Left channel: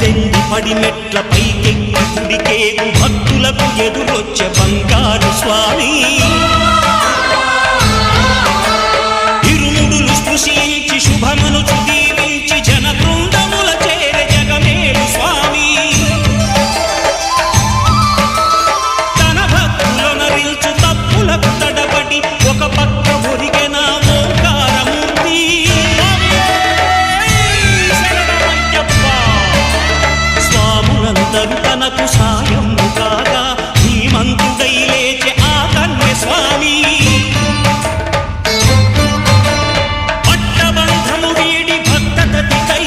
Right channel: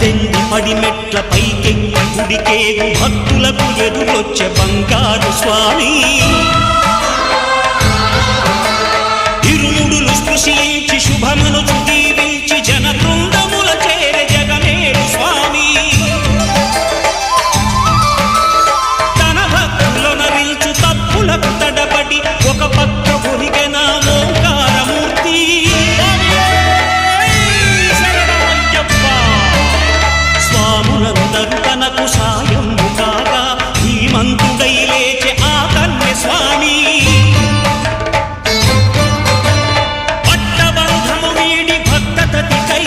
18 పడిమెట్ల పైకెక్కి గుడికేగు భక్తులకు ఎదురొచ్చే బంగారు స్వామి ఇరుముడులు స్పృశించి శుభమనుచు దీవించి జన బృందముల చేరే జగమేలు స్వామి తన భక్తులొనరిల్చు తప్పులకు తడబడి ఒక పక్క ఒరిగెన ఓంకారమూర్తి స్వాములందరూ తనకు సాయము కాగా ధీమంతుడై లేచే ఆ కన్య స్వామి పట్టబంధము వీడి భక్తతతికై